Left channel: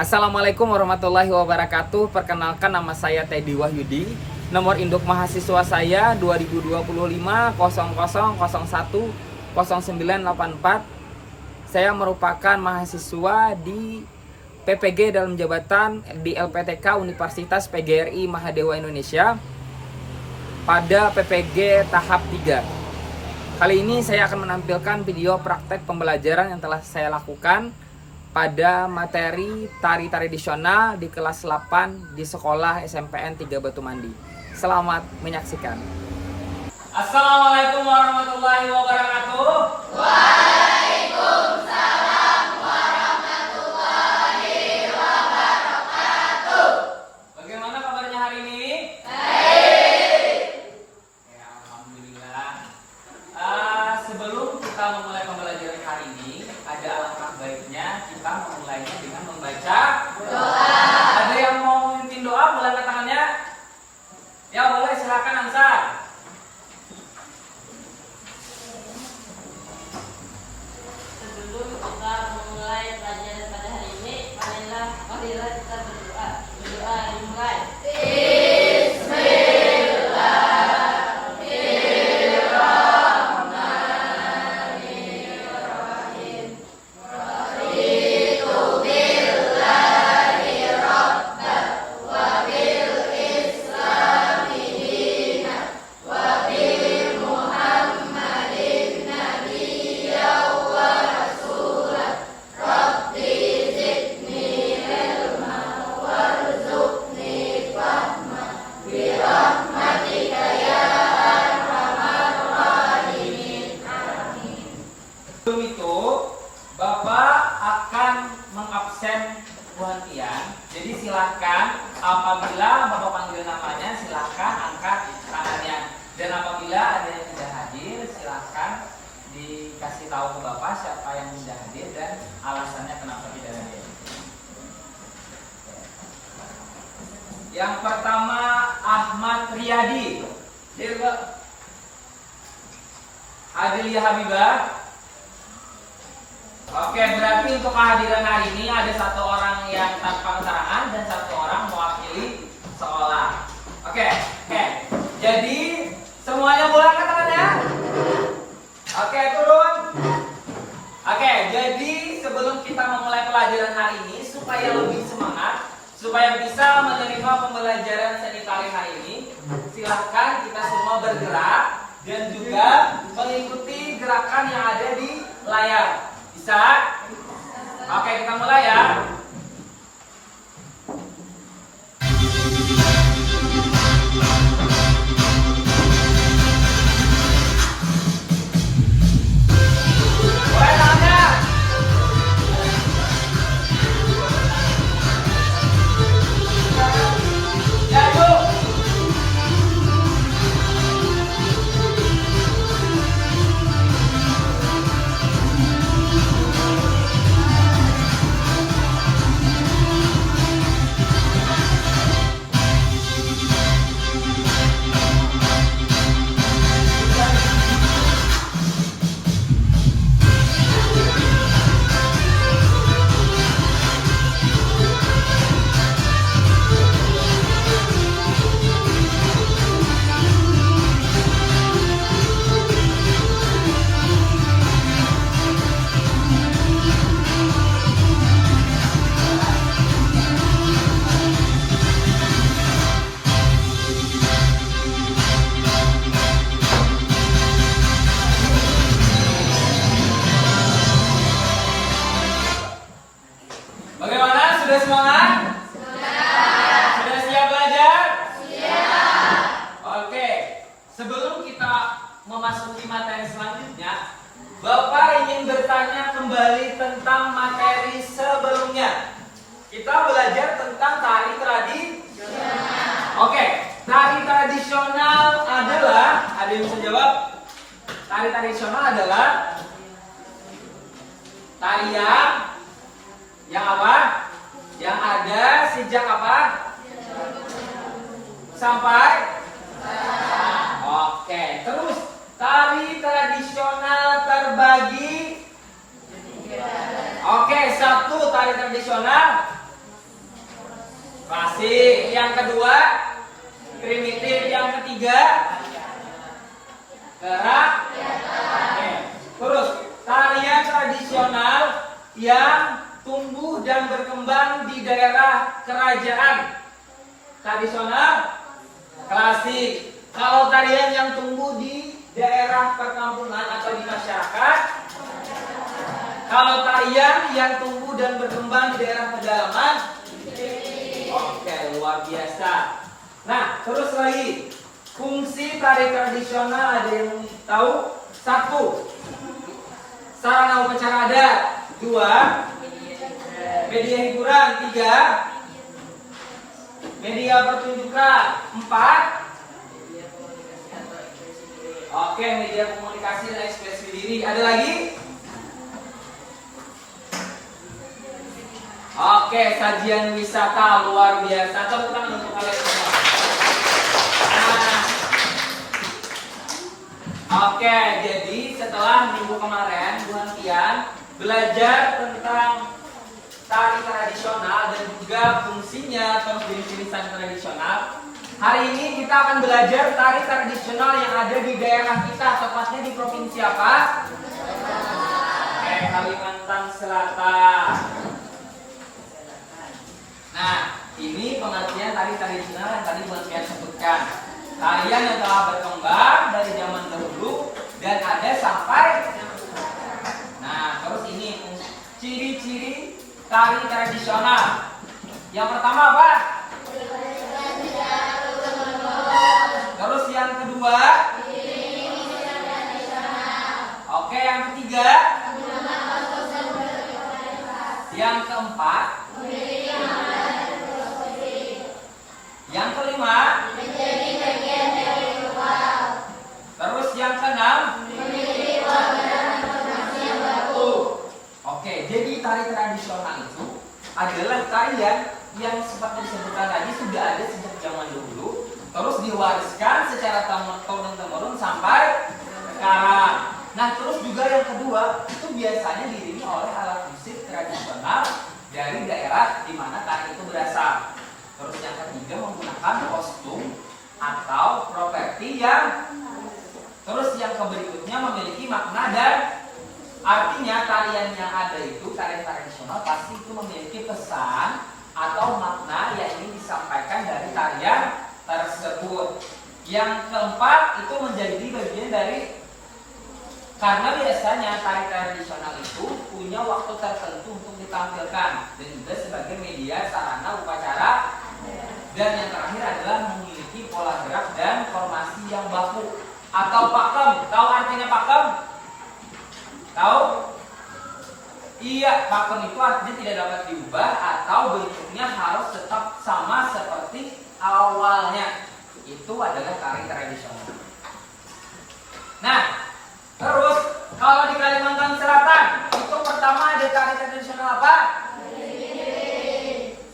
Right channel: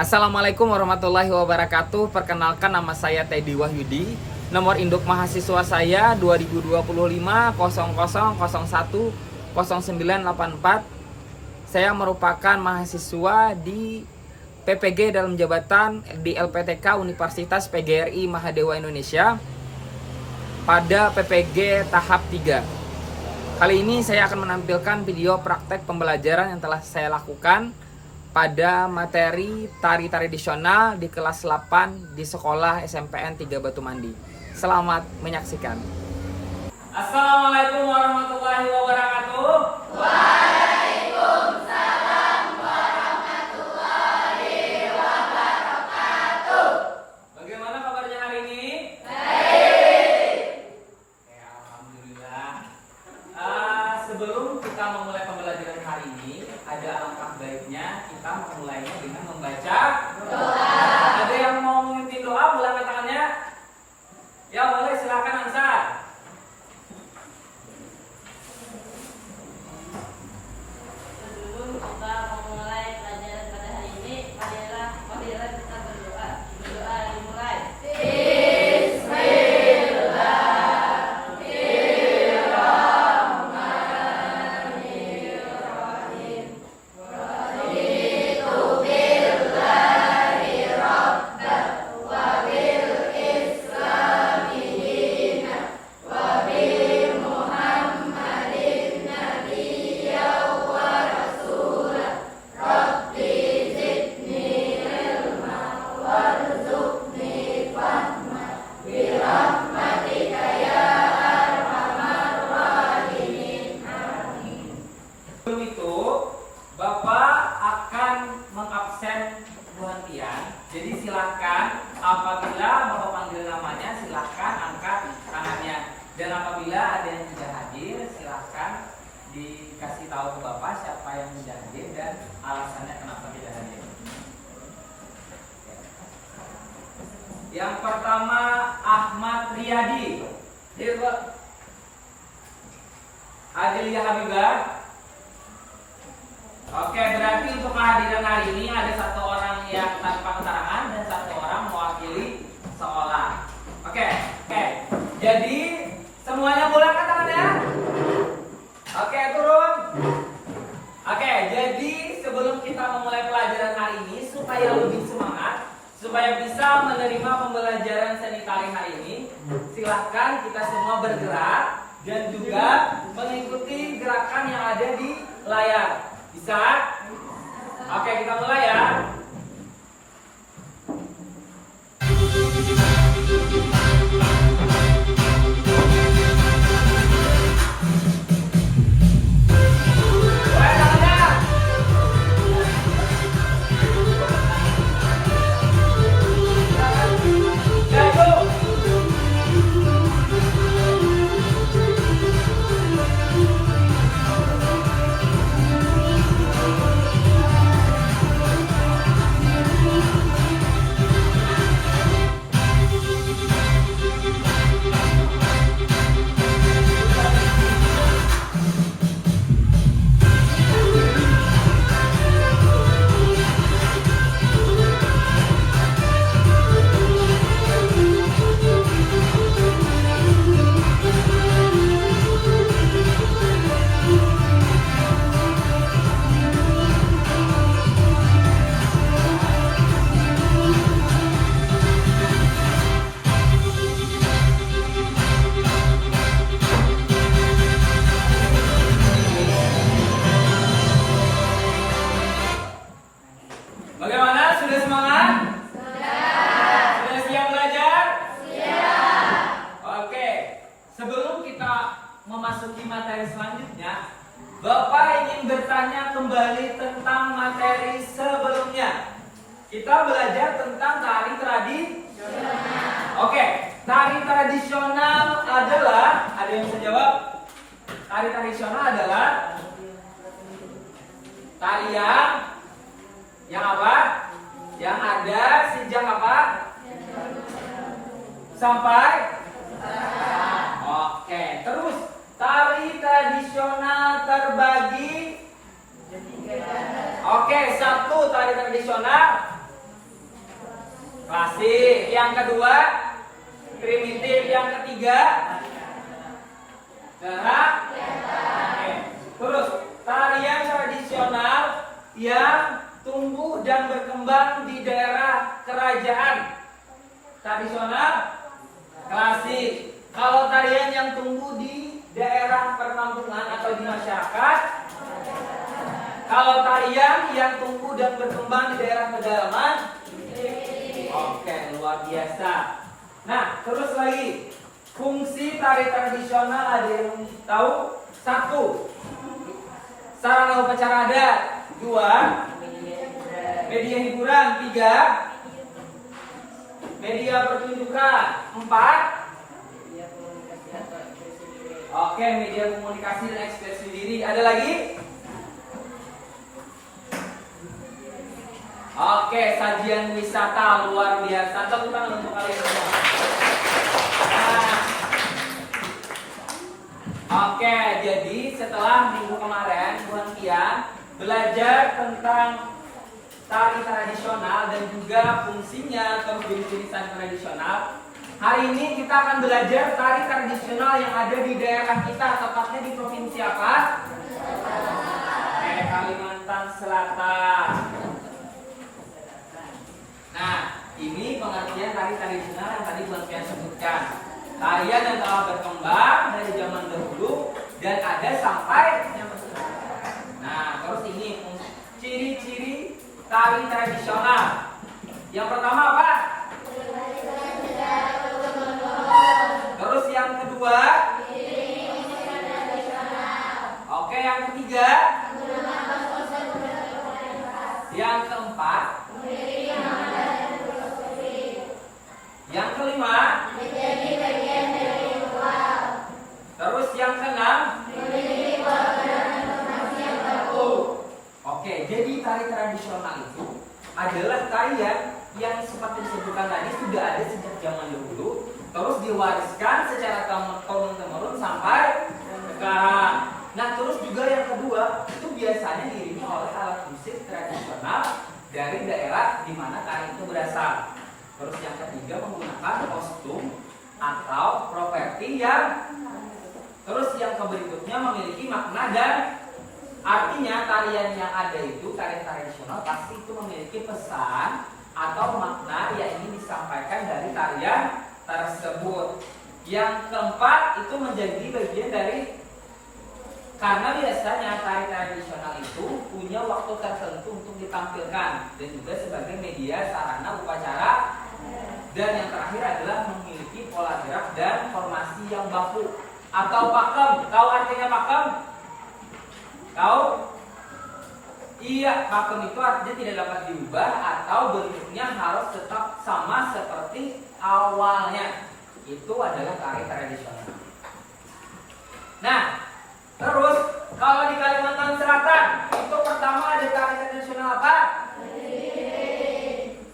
Assalamualaikum warahmatullahi wabarakatuh. Perkenalkan, nama saya Teddy Wahyudi. Nomor induk mahasiswa saya 2025 0001 0984. Saya merupakan mahasiswa di PPG dalam jabatan di LPTK Universitas PGRI Mahadewa Indonesia pada PPG tahap 3. Kali ini saya akan menampilkan video praktek pembelajaran yang telah saya lakukan pada materi tari tradisional di kelas 8 di sekolah SMPN 3 Batu Mandi. Selamat menyaksikan. Assalamualaikum warahmatullahi wabarakatuh. Waalaikumsalam warahmatullahi wabarakatuh. Bagaimana kabarnya hari ini? Baik. Ya, alhamdulillah. Sebelum kita memulai pembelajaran hari ini, ada alangkah baiknya kita memulainya dengan membaca doa. Ada yang mau memimpin doa? Boleh angkat tangannya? Ya boleh, silakan Ansar. Sebelum kita memulai pelajaran pada hari ini, marilah kita berdoa. Berdoa dimulai. Sebelum itu, Bapak akan mengabsen buantian. Jadi silahkan apabila Bapak panggil namanya, silahkan angkat tangannya. Dan apabila ada yang tidak hadir, silahkan dikasih tahu ke Bapak siapa yang tidak hadir dan alasannya kenapa tidak hadir. Yang pertama, Ahmad Riyadi. Hadir, Pak. Adelia Habibah. Oke, berarti untuk kehadiran hari ini ada satu orang yang tanpa keterangan dan satu orang mewakili sekolah. Oke. Jadi semuanya boleh angkat tangannya? Oke, turun. Oke, jadi sebelum kita memulai pelajaran hari ini, supaya lebih semangat, supaya bisa menerima pembelajaran seni tari hari ini, silahkan kita semua bergerak dan juga mengikuti gerakan yang ada di layar. Bisa? Oke, kita mulai ya. Mulai tangannya. Ya, yuk. Bagaimana? Sudah semangat? Sudah siap belajar? Siap. Oke, sebelum kita memasuki materi selanjutnya, Bapak ingin bertanya kembali tentang materi sebelumnya. Kita belajar tentang tari tradisional. Oke, tari tradisional adalah, ada yang bisa jawab? Tari tradisional adalah tarian yang apa? Yang ada sejak apa? Sampai? Oke, terus tari tradisional terbagi? Oke, satu tari tradisional Klasik. Yang kedua primitif. Yang ketiga gerak. Oke. Terus tarian tradisional yang tumbuh dan berkembang di daerah kerajaan. Tradisional klasik. Kalau tarian yang tumbuh di daerah perkampungan atau di masyarakat. Kalau tarian yang tumbuh dan berkembang di daerah pedalaman. Oke, luar biasa. Nah, terus lagi. Fungsi tari tradisional ada yang tahu? 1. Sarana upacara adat. 2. Media hiburan. 3. Media pertunjukan. 4. Oke, media komunikasi dan ekspresi diri. Ada lagi? Oke, sajian wisata luar biasa. Tepuk tangan untuk kalian semua. Nah, oke, jadi setelah minggu kemarin Buan Pian belajar tentang tari tradisional dan juga fungsinya atau jenis-jenis tari tradisional. Hari ini kita akan belajar tari tradisional yang ada di daerah kita, tepatnya di provinsi apa? Kalimantan Selatan. Nah, ini pengertian tari tradisional yang tadi Buan Pian sebutkan. Tarian yang telah berkembang dari zaman dahulu dan ada sampai. Nah, terus ini ciri-ciri tari tradisional. Yang pertama apa? Terus yang kedua? Oke, yang ketiga? Yang keempat? Yang kelima? Terus yang keenam? Oke, jadi tari tradisional itu adalah tarian yang seperti disebutkan tadi sudah ada sejak zaman dahulu, terus diwariskan secara turun-temurun sampai sekarang. Nah, terus juga yang kedua itu biasanya diiringi oleh alat musik tradisional dari daerah di mana tari itu berasal. Terus yang ketiga menggunakan kostum atau properti yang. Terus yang berikutnya memiliki makna dan artinya tarian yang ada itu, tarian tradisional pasti itu memiliki pesan atau makna yang ingin disampaikan dari tarian tersebut. Yang keempat itu menjadi bagian dari, karena biasanya tari tradisional itu punya waktu tertentu untuk ditampilkan dan juga sebagai media sarana upacara. Dan yang terakhir adalah memiliki pola gerak dan formasi yang baku atau pakem. Tahu artinya pakem? Tahu? Iya, pakem itu artinya tidak dapat diubah atau bentuknya harus tetap sama seperti awalnya. Itu adalah tari tradisional. Nah, terus kalau di Kalimantan Selatan itu pertama ada tari tradisional apa?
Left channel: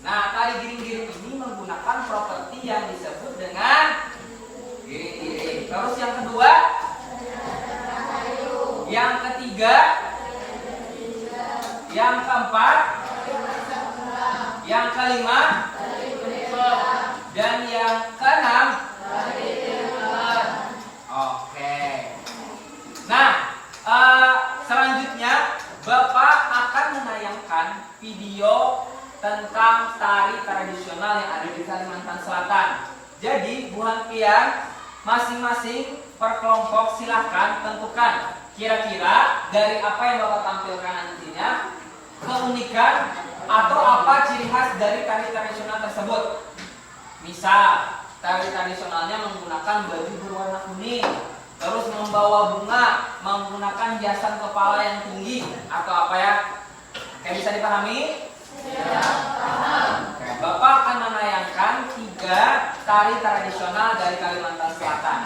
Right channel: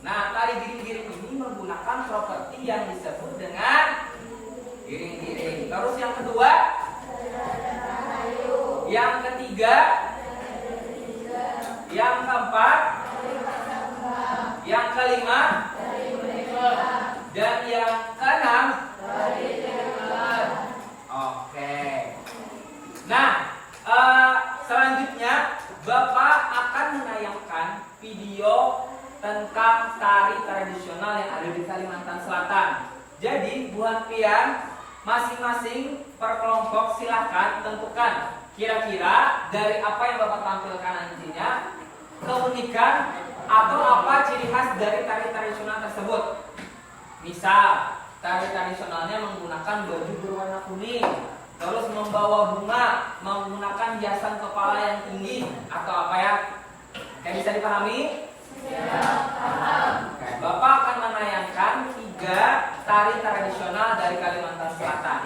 Nah, tari giring-giring ini menggunakan properti yang disebut dengan giring-giring. Terus yang kedua? Yang ketiga? Yang keempat? Yang kelima? Dan yang keenam? Oke. Nah, selanjutnya Bapak akan menayangkan video tentang tari tradisional yang ada di Kalimantan Selatan. Jadi, Buan Pian, masing-masing per kelompok silahkan tentukan kira-kira dari apa yang Bapak tampilkan nantinya, keunikan atau apa ciri khas dari tari tradisional tersebut. Misal, tari tradisionalnya menggunakan baju berwarna kuning, terus membawa bunga, menggunakan hiasan kepala yang tinggi, atau apa ya? Kayak bisa dipahami? Ya, paham. Bapak akan menayangkan 3 tari tradisional dari Kalimantan Selatan.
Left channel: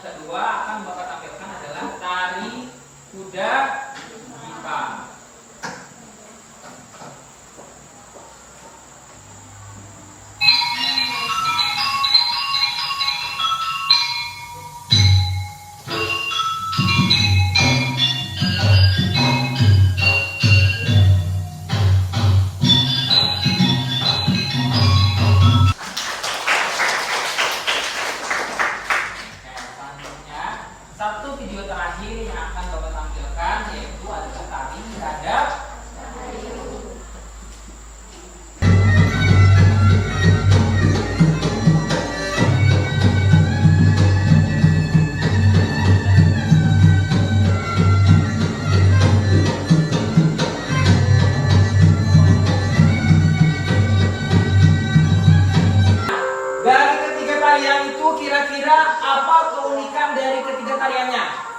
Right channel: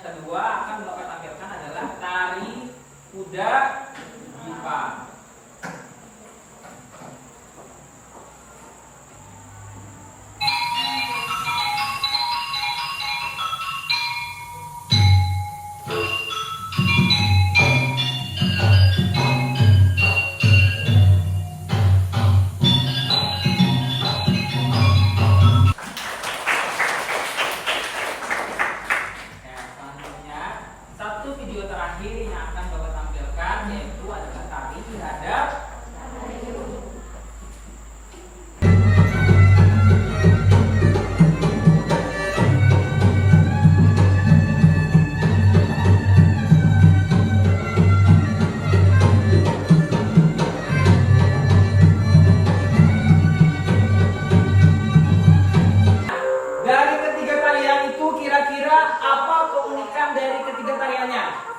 Kedua akan Bapak tampilkan adalah terakhir yang akan Bapak tampilkan yaitu adalah tari hadap. Dari ketiga tarian itu kira-kira apa keunikan dari ketiga tariannya?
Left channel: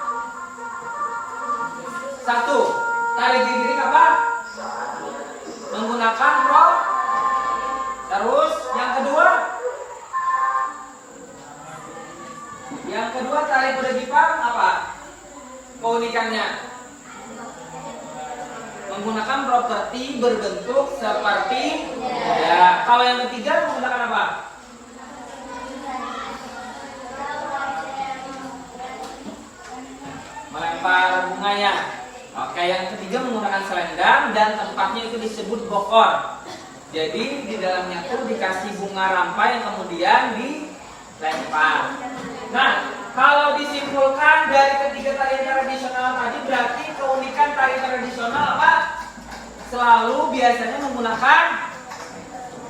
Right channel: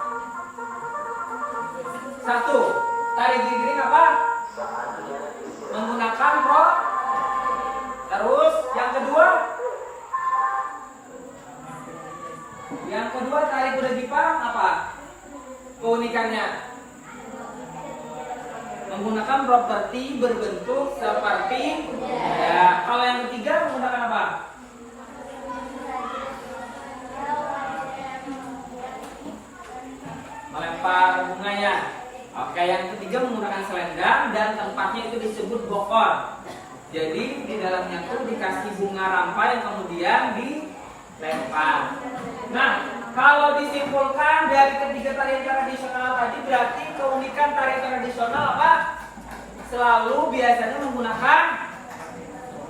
Satu, tari giring apa? Menggunakan prop. Terus yang kedua tari kuda Jepang apa? Keunikannya menggunakan properti berbentuk seperti kuda. Kalau yang ketiga menggunakan apa? Melempar bunganya. Oke, yang ketiga menggunakan selendang dan tempatnya itu disebut bokor. Jadi di dalamnya itu dikasih bunga rampai yang kemudian dilempar. Nah, kalau disimpulkan dari ketiga tarian tradisional tadi berarti keunikan tari tradisional apa? Selalu biasanya menggunakan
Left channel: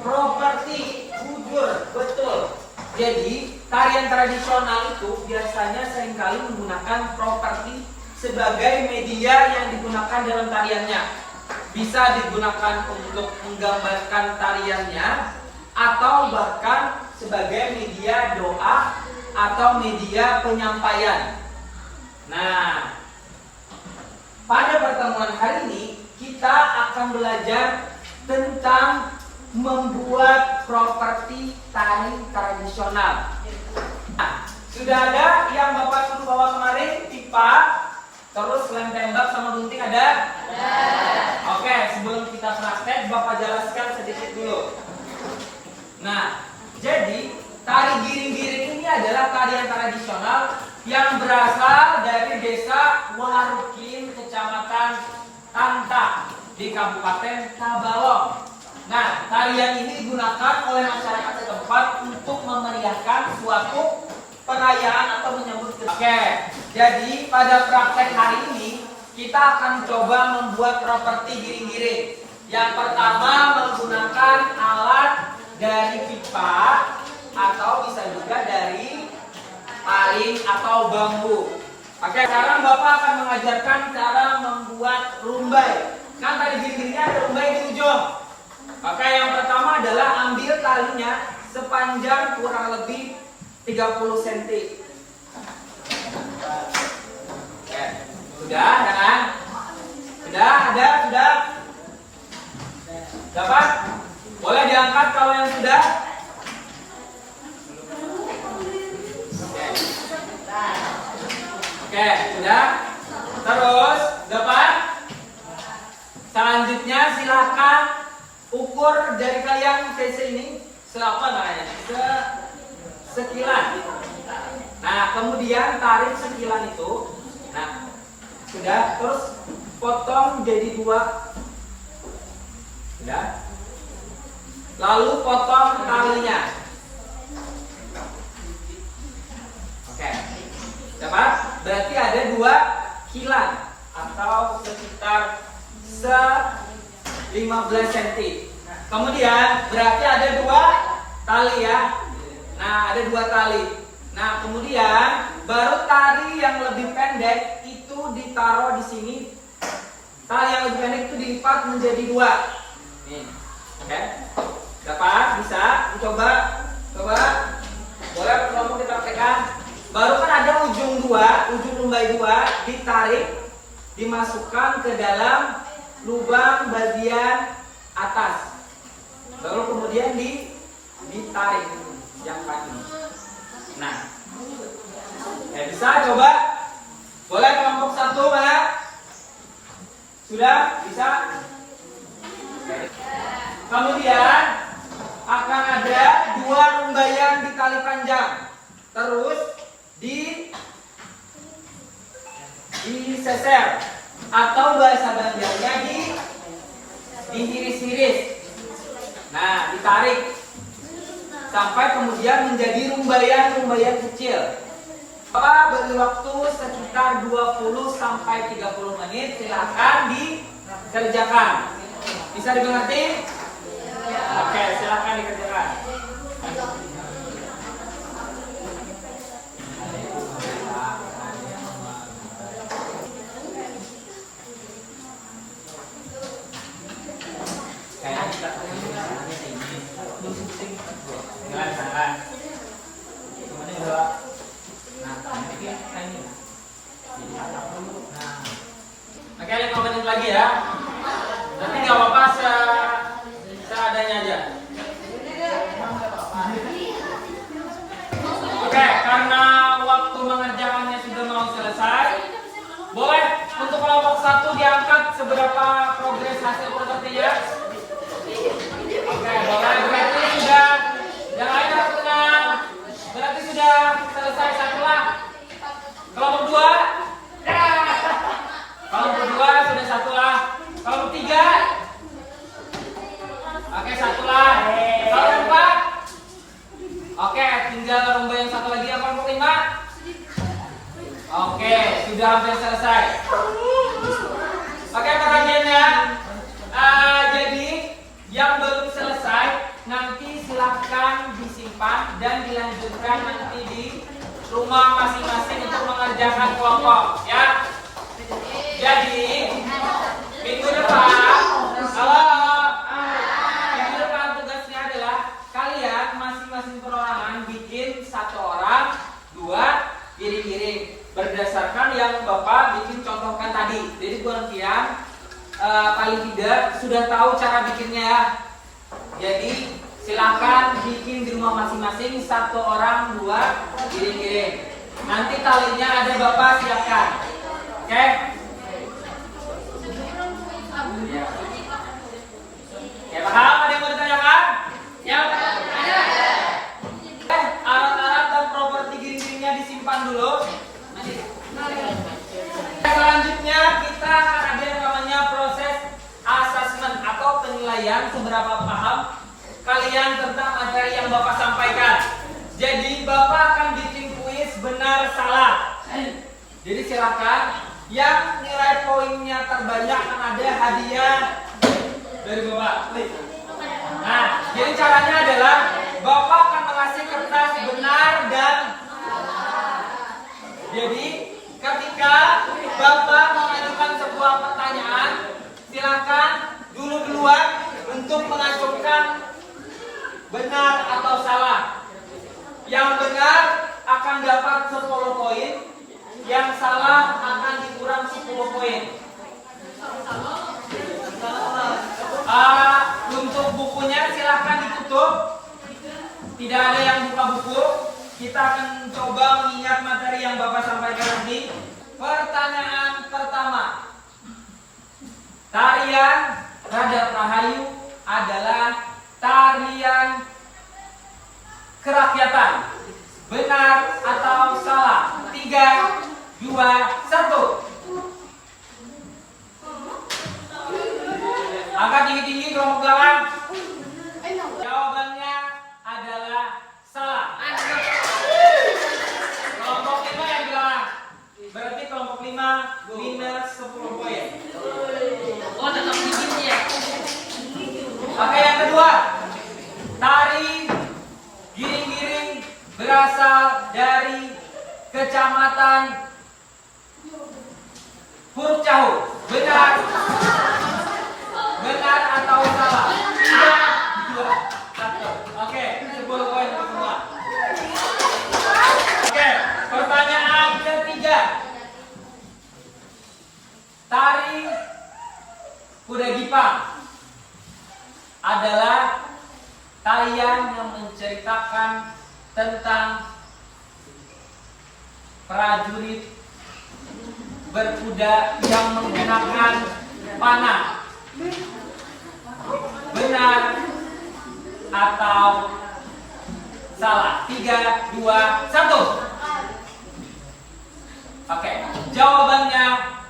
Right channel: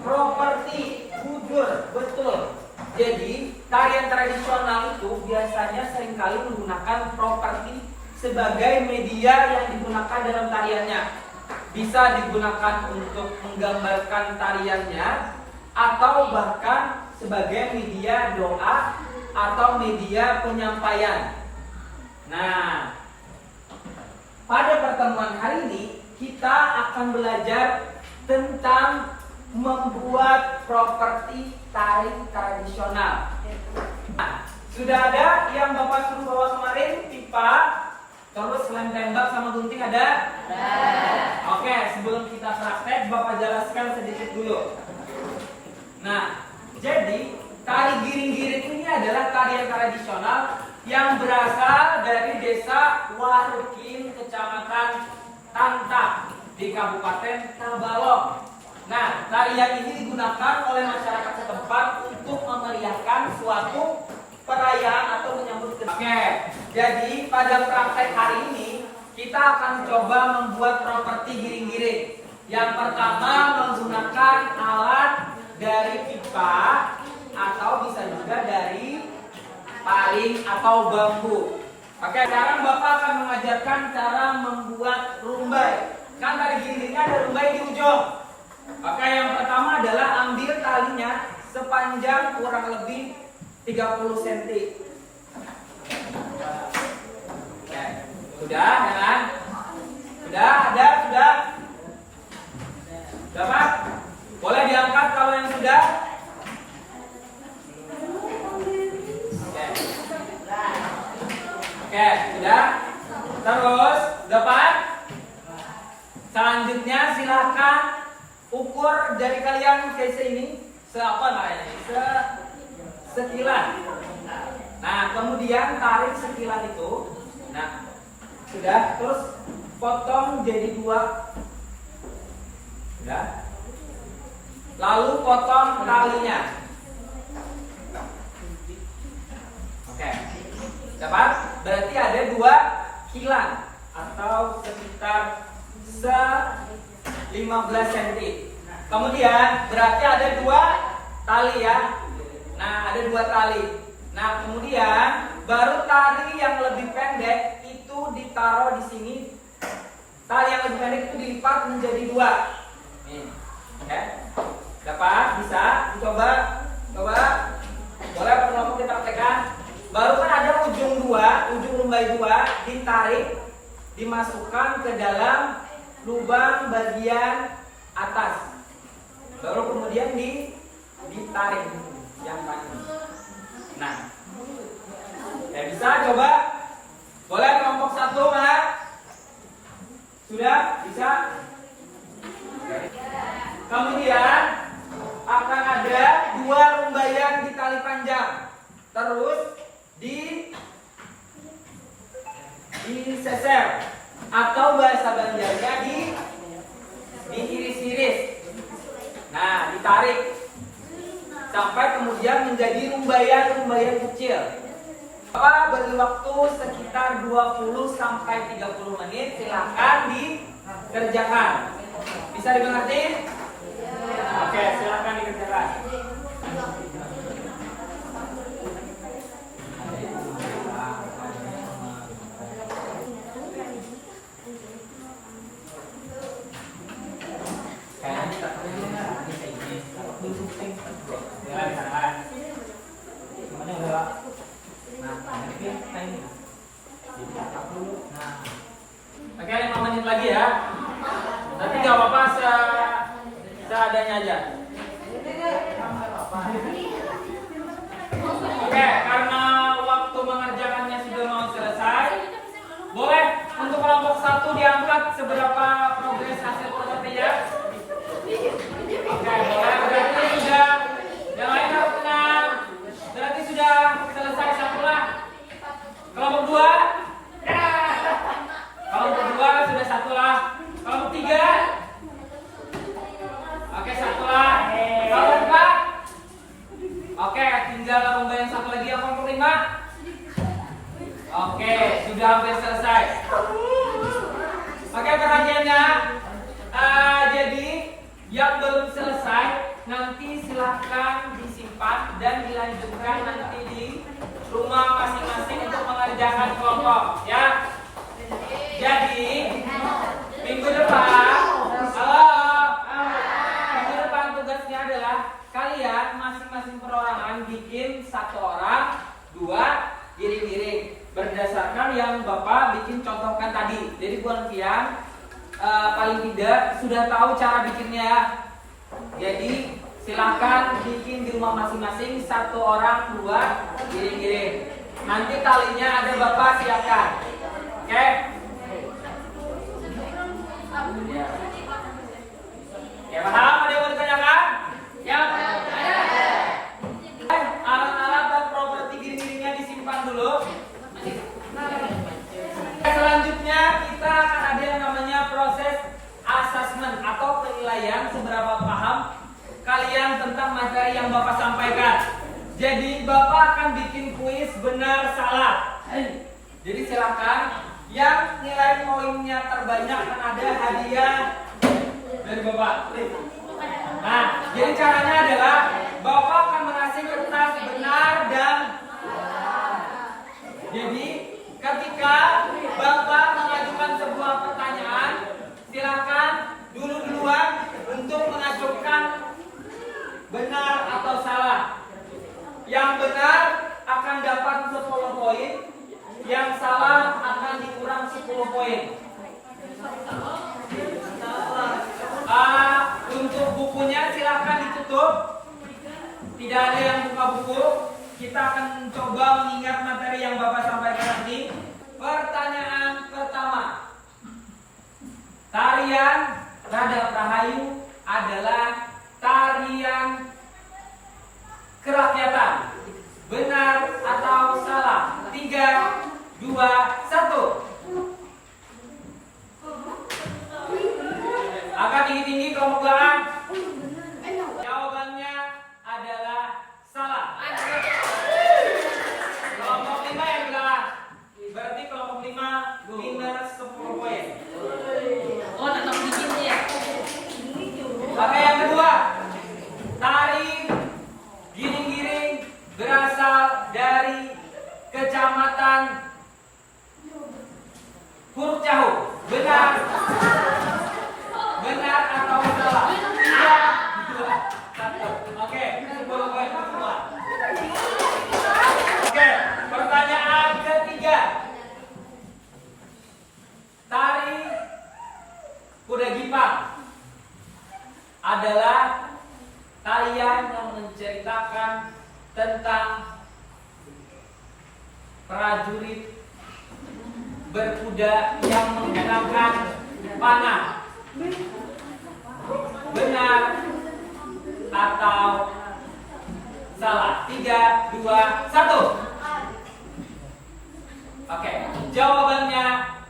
properti bujur, betul. Jadi tarian tradisional itu biasanya seringkali menggunakan properti sebagai media yang digunakan dalam tariannya. Bisa digunakan untuk menggambarkan tariannya atau bahkan sebagai media doa atau media penyampaian. Nah, pada pertemuan hari ini kita akan belajar tentang membuat properti tari tradisional. Nah, sudah ada yang Bapak suruh bawa kemarin, pipa, terus lem tembak sama gunting ada? Oke, sebelum kita praktek Bapak jelaskan sedikit dulu. Nah, jadi tari giring-giring ini adalah tarian tradisional yang berasal dari desa Warukin, Kecamatan Tanta di Kabupaten Tabalong. Nah, tarian ini digunakan oleh masyarakat setempat untuk memeriahkan suatu perayaan atau menyambut kedatangan. Oke, jadi pada praktek hari ini kita akan coba membuat properti giring-giring. Yang pertama menggunakan alat dari pipa atau bisa juga dari paring atau bambu. Oke, sekarang Bapak akan mengajarkan cara membuat rumbai. Kan tadi giring-giringnya ada rumbai di ujung. Oke, yang pertama adalah ambil talinya sepanjang kurang lebih 30 cm. Oke, sudah kan? Sudah, ada, sudah. Dapat? Boleh diangkat kalau yang sudah? Oke, sudah. Terus, dapat? Selanjutnya silakan ukur dari kalian cc ini seapa namanya? Sekilan. Nah, kemudian tarik sekilan itu. Nah, sudah. Terus potong jadi 2. Sudah. Lalu potong talinya. Oke. Dapat? Berarti ada 2 kilan atau sekitar 15 cm. Kemudian berarti ada 2 tali ya. Nah, ada 2 tali. Nah, kemudian baru tali yang lebih pendek itu ditaruh di sini. Tali yang lebih pendek itu dilipat menjadi 2. Nih. Oke. Dapat? Bisa? Dicoba? Coba. Boleh teman-teman dipraktekkan. Baru kan ada ujung 2, ujung rumbai 2 ditarik, dimasukkan ke dalam lubang bagian atas. Baru kemudian ditarik yang panjang. Nah, ya bisa coba. Boleh kelompok 1 mana? Sudah bisa. Kemudian akan ada 2 rumbaian di tali panjang. Terus diseser atau bahasa Banjarnya dihiris-hiris. Nah, ditarik sampai kemudian menjadi rumbaian-rumbaian kecil. Bapak beri waktu sekitar 20 sampai 30 menit, silakan dikerjakan. Bisa dimengerti? Oke, silakan dikerjakan. Oke, 5 menit lagi ya. Nanti nggak apa-apa seadanya aja. Oke, karena waktu mengerjakannya sudah mau selesai, boleh untuk kelompok 1 diangkat seberapa progres hasil propertinya. Oke, boleh. Berarti sudah, yang lain harus tenang. Berarti sudah selesai satu lah. Kelompok 2, kelompok 2 sudah satu lah. Kelompok 3, oke, satu lah. Kelompok 4, oke, tinggal lomba yang satu lagi. Kelompok 5, oke, sudah hampir selesai. Oke, pertanyaannya, jadi yang belum selesai nanti silahkan disimpan dan dilanjutkan nanti di rumah masing-masing untuk mengerjakan kelompok, ya. Jadi minggu depan, minggu depan tugasnya adalah kalian masing-masing perorangan bikin 1 orang 2 giring-giring berdasarkan yang Bapak bikin contohkan tadi. Jadi Bu Novian paling tidak sudah tahu cara bikinnya. Jadi silahkan bikin di rumah masing-masing 1 orang 2 giring-giring. Nanti talinya ada Bapak siapkan. Oke? Ya paham? Ada yang mau ditanyakan? Ya ada. Alat-alat atau properti giring-giringnya disimpan dulu. Selanjutnya kita ada yang namanya proses assessment atau penilaian seberapa paham kalian tentang materi yang Bapak sampaikan. Jadi Bapak akan bikin kuis benar salah. Jadi silakan yang nilai poinnya terbanyak akan ada hadiah dari Bapak. Nah, jadi caranya adalah Bapak akan mengasih kertas benar dan jadi ketika Bapak mengajukan sebuah pertanyaan, silakan duluan untuk mengajukan benar atau salah. Yang benar akan dapat 10 poin, yang salah akan dikurang 10 poin. Untuk bukunya silahkan ditutup. Tidak ada yang buka buku. Kita akan coba mengingat materi yang Bapak sampaikan nanti. Pertanyaan pertama. Tarian Radap Rahayu adalah tarian kerakyatan. Benar atau salah? 3, 2, 1. Angkat tinggi-tinggi kelompok belakang. Jawabannya adalah salah. Kelompok 5 yang belakang. Berarti kelompok 5 minus 10 poin. Oh, tetap bikinnya. Oke, yang kedua. Tari giring-giring berasal dari Kecamatan Purcahu. Benar? Benar atau salah? 3, 2, 1. Oke, 10 poin untuk semua. Oke, pertanyaan ketiga. Tari Kuda Gipang adalah tarian yang menceritakan tentang prajurit berkuda yang menggunakan panah. Benar atau salah? 3, 2, 1. Oke, jawabannya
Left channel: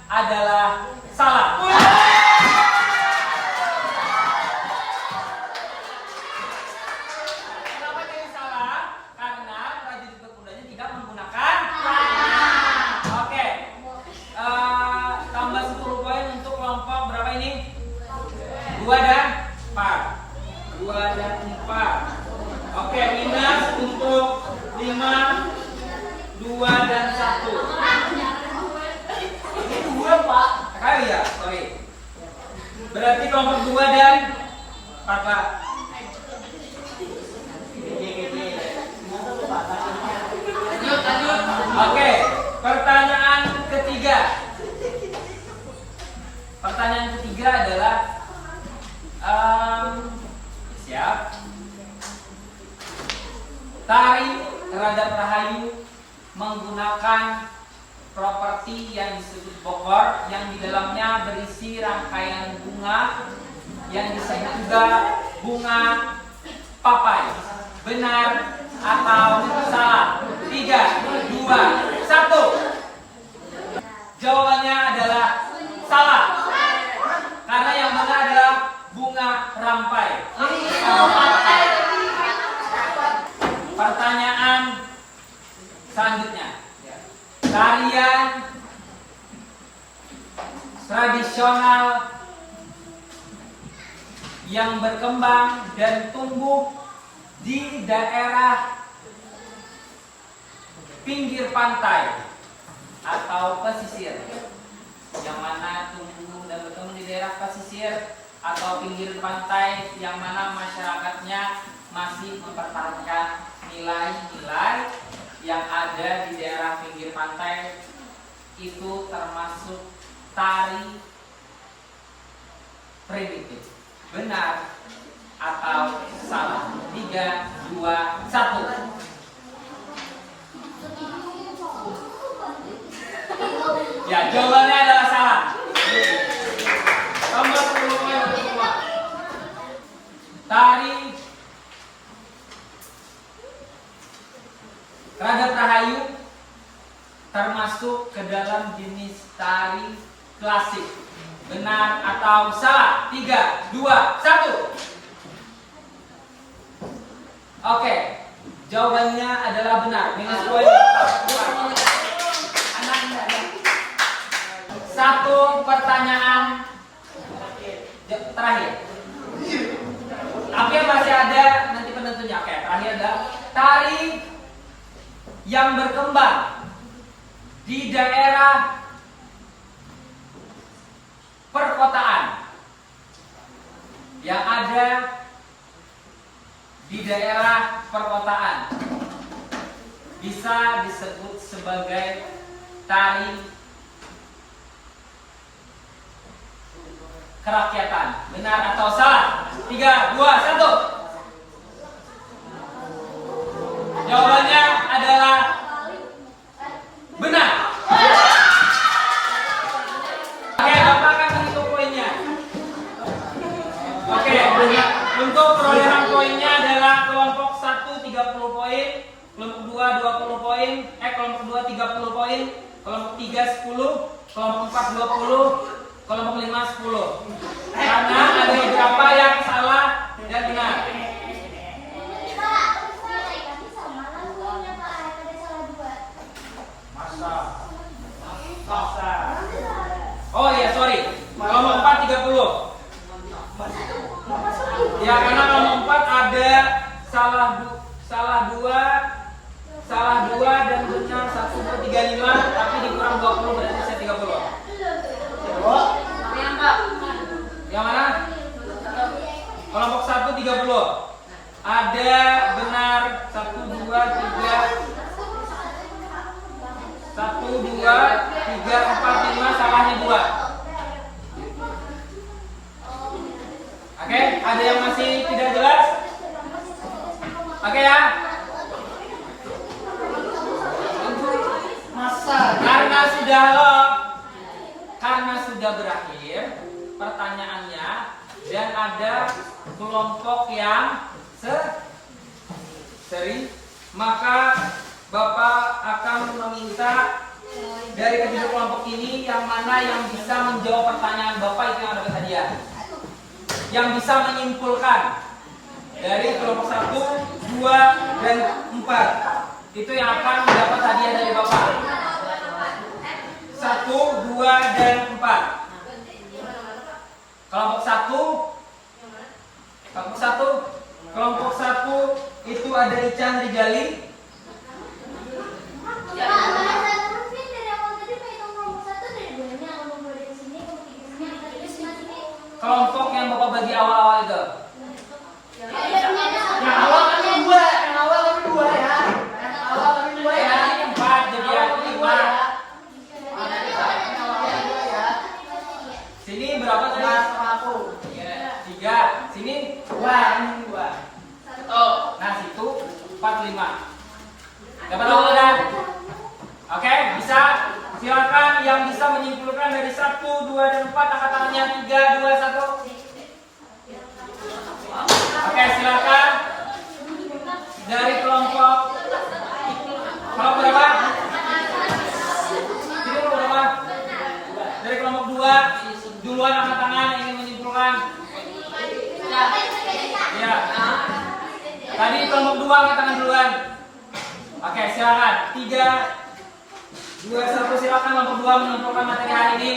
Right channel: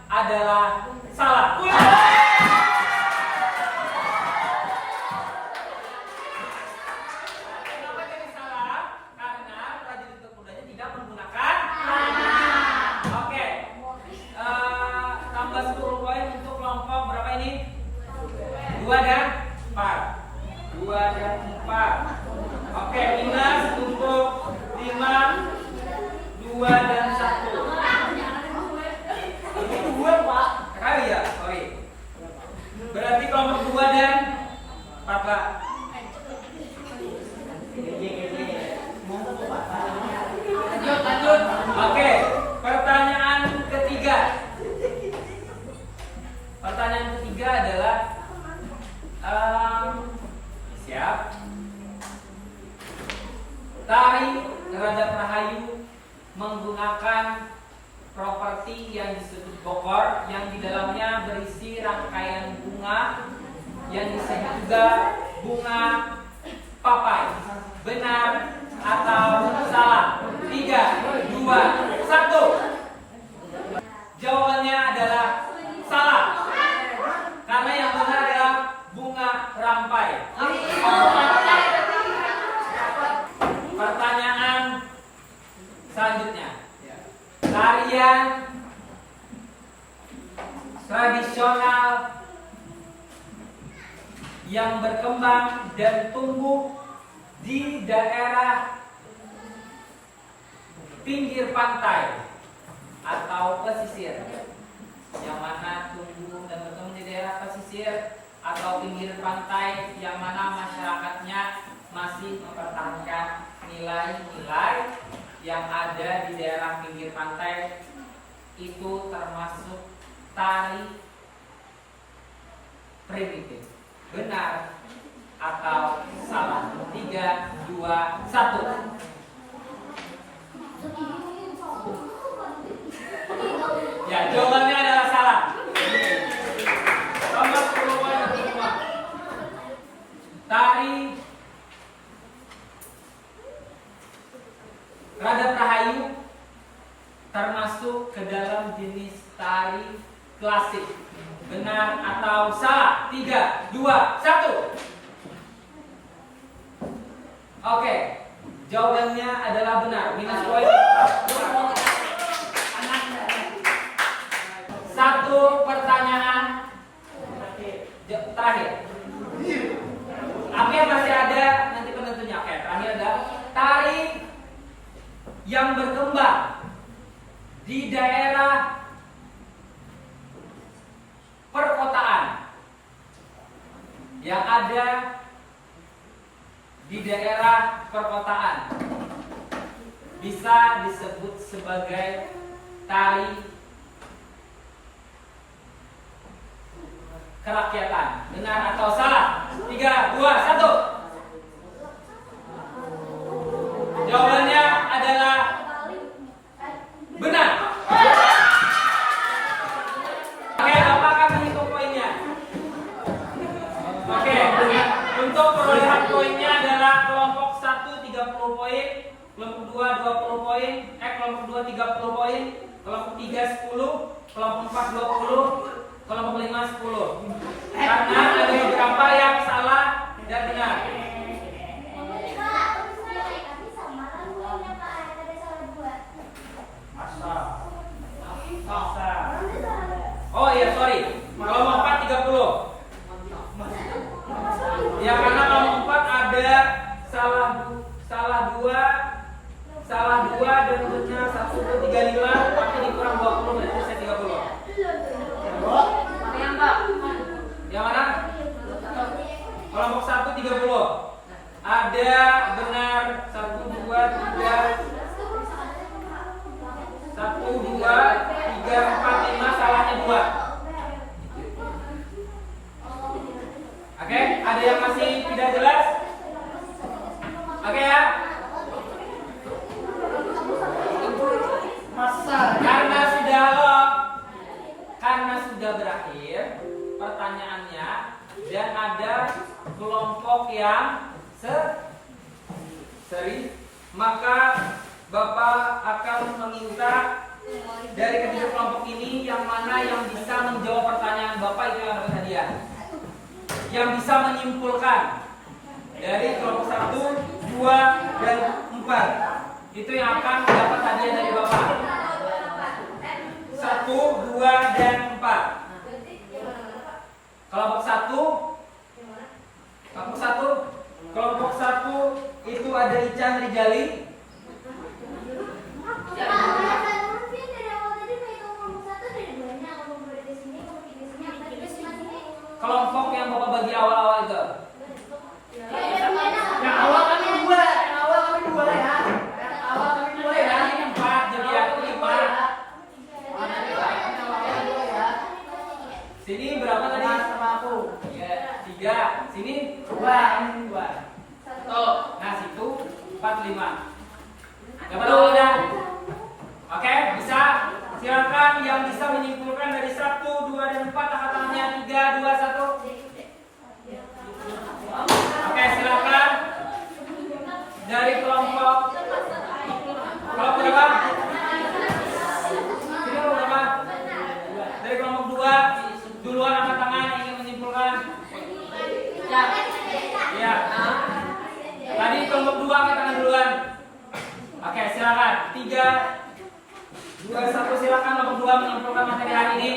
adalah salah. Kenapa jadi salah? Karena prajurit berkudanya tidak menggunakan panah. Oke, pertanyaan ketiga. Pertanyaan ketiga adalah siap. Tari Radap Rahayu menggunakan properti yang disebut bokor, yang di dalamnya berisi rangkaian bunga yang disebut juga bunga papai. Benar atau salah? 3, 2, 1. Jawabannya adalah salah. Karena yang benar adalah bunga rampai. Pertanyaan selanjutnya. Tarian tradisional yang berkembang dan tumbuh di daerah pinggir pantai atau pesisir, yang mana tumbuh dan berkembang di daerah pesisir atau pinggir pantai, yang mana masyarakatnya masih mempertahankan nilai-nilai yang ada di daerah pinggir pantai, itu termasuk tari primitif. Benar atau salah? 3, 2, 1. Ya, jawabannya adalah salah. Tambah 10 poin untuk semua. Tari Radap Rahayu termasuk ke dalam jenis tari klasik. Benar atau salah? 3, 2, 1. Oke, jawabannya adalah benar. Minus poin. Satu pertanyaan terakhir. Tapi masih ada nanti penentunya. Oke, terakhir adalah tari yang berkembang di daerah perkotaan, yang ada di daerah perkotaan, bisa disebut sebagai tari kerakyatan. Benar atau salah? 3, 2, 1. Jawabannya adalah benar. Oke, Bapak akan menghitung poinnya. Oke, untuk perolehan poinnya adalah kelompok 1 30 poin, kelompok 2 20 poin, kelompok 2 30 poin, kelompok 3 10, kelompok 4 20, kelompok 5 10. Karena ada beberapa yang salah dan benar. Oh iya, sorry. Kelompok 4 30. Ya, karena kelompok 4 ada salah dua dan benar 1 35, tapi dikurang 20 berarti bisa 30. Yang mana? Kelompok 1 30. Ada benar 1 2 3 1 2 3 4 5, salahnya 2. Oke, ada yang masih tidak jelas? Oke ya. Karena sudah berakhir pertanyaannya dan ada kelompok yang seri, maka Bapak akan meminta dari ketiga kelompok ini yang mana yang bisa menjawab pertanyaan Bapak itu yang dapat hadiah. Yang bisa menyimpulkan dari kelompok 1, 2, dan 4. Itu yang akan mendapat hadiah dari Bapak. 1, 2, dan 4. Kelompok 1 itu ada Ican Rigali. Kelompok yang Bapak bagi awal-awal itu. Yang awal kami 2 ya. Yang awal kami 2 ya. Ini 4 jadi 3. Sini 2, ini 2. Nah, situ 4, 5. Dapat udah? Oke, bisa. Silakan yang bisa menyimpulkan dari 1, 2, dan 4 angkat tangannya. 3, 2, 1. Oke, silakan. Dari kelompok berapa? Ini kelompok berapa? Dari kelompok 2 duluan angkat tangan yang ingin menyimpulkan. Ya. Tadi kelompok 2 angkat tangan duluan. Oke, silakan. 3, 2, 1. Silakan kelompok 2 menyimpulkan materi hari ini.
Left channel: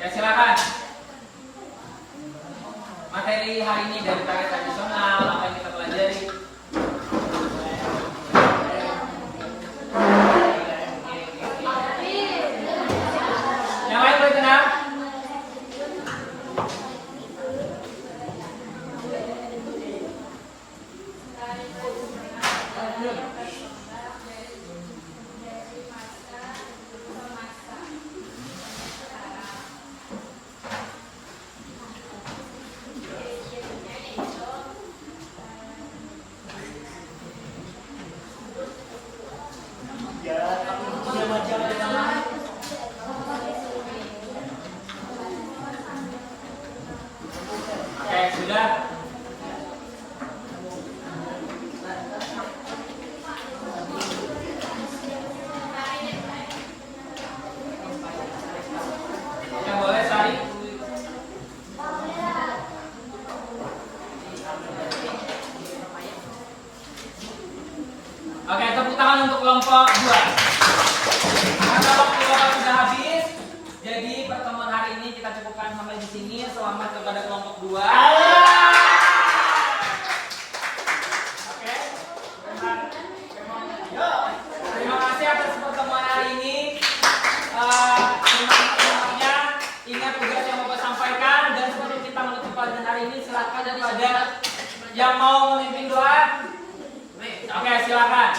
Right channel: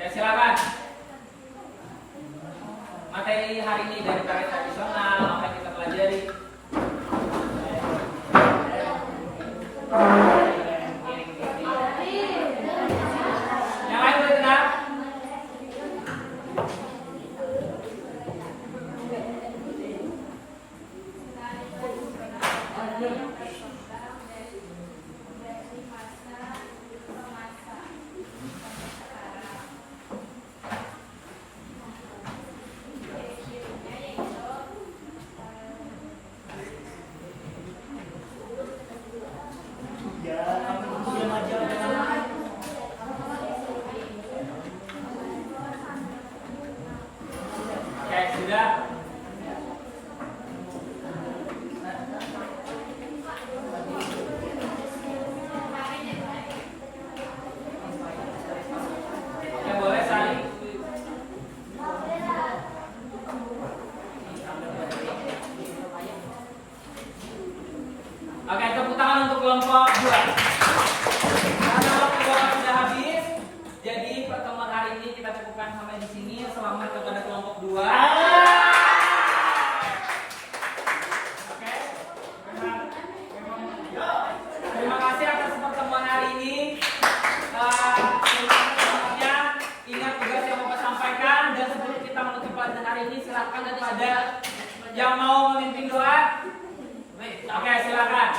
Ya, silakan. Materi hari ini dari target tradisional apa yang kita pelajari. Yang lain boleh tenang. Oke, sudah. Oke, boleh Sari. Oke, tepuk tangan untuk kelompok 2. Karena waktu sudah habis, jadi pertemuan hari ini kita cukupkan sampai di sini. Selamat kepada kelompok 2. Oke. Terima kasih atas pertemuan hari ini. Semangat-semangatnya. Ingat tugas yang Bapak sampaikan, dan sebelum kita menutup pelajaran hari ini, silakan kepada yang mau memimpin doa. Oke, silakan.